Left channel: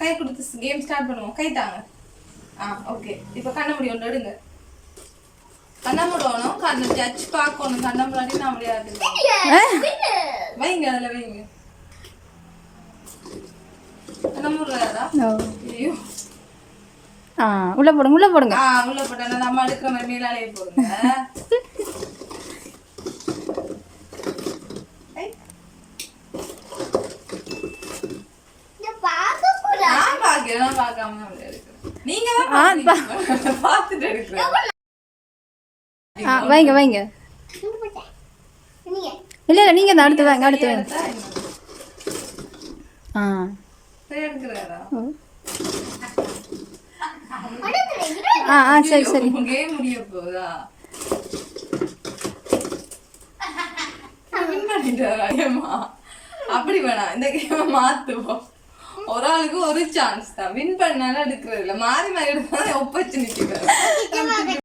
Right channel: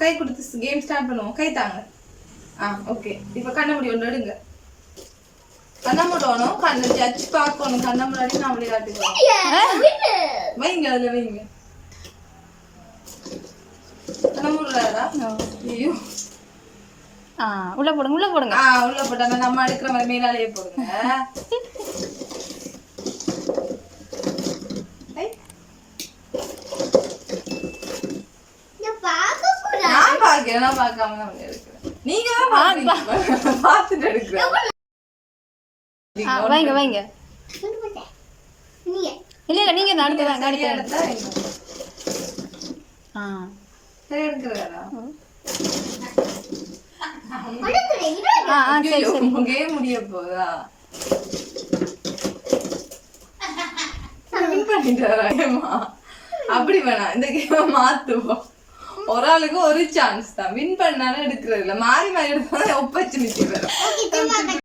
கை கொடுத்து game start பண்ணுவோம். கை தாங்க. ஓகே. இப்போ கண்ண மூடி ஒன்று எடுங்க. கண்ண மூடணும். கண்ணை ஜட்ஜ் பார்க்கணும். கண்ண முன்னாடி நான் விளையாட்டுக்குவோம். வைங்க அதில் வைங்க. கண்ண மூடுறாரா? ஐயோ. உள்ள போடுங்க உள்ள போடுங்க. உள்ள போட்டா நம்ம எடுக்கிற மாதிரி மேலாலேயே போடுங்க. நான் பார்க்காம தான் எடுக்கிறேன். நீங்க தான் பார்த்துட்டு எடுக்கிறேன். வைங்க வைங்க. இல்ல இல்ல நீங்க அடுத்து வாங்க அடுத்து எடுக்கிறாரா? சரி சரி. கேம் முடிய போதா? அப்படி வேணாம். இந்த கேமை மாத்துவோம். ஒரு ஆளுக்கு ஒரு சான்ஸ் தான். வின் பண்ணாலும் எடுக்கிறது இல்ல. மாறி மாறி எடுத்தா ஒப்பச்சு நிச்சு வரும்.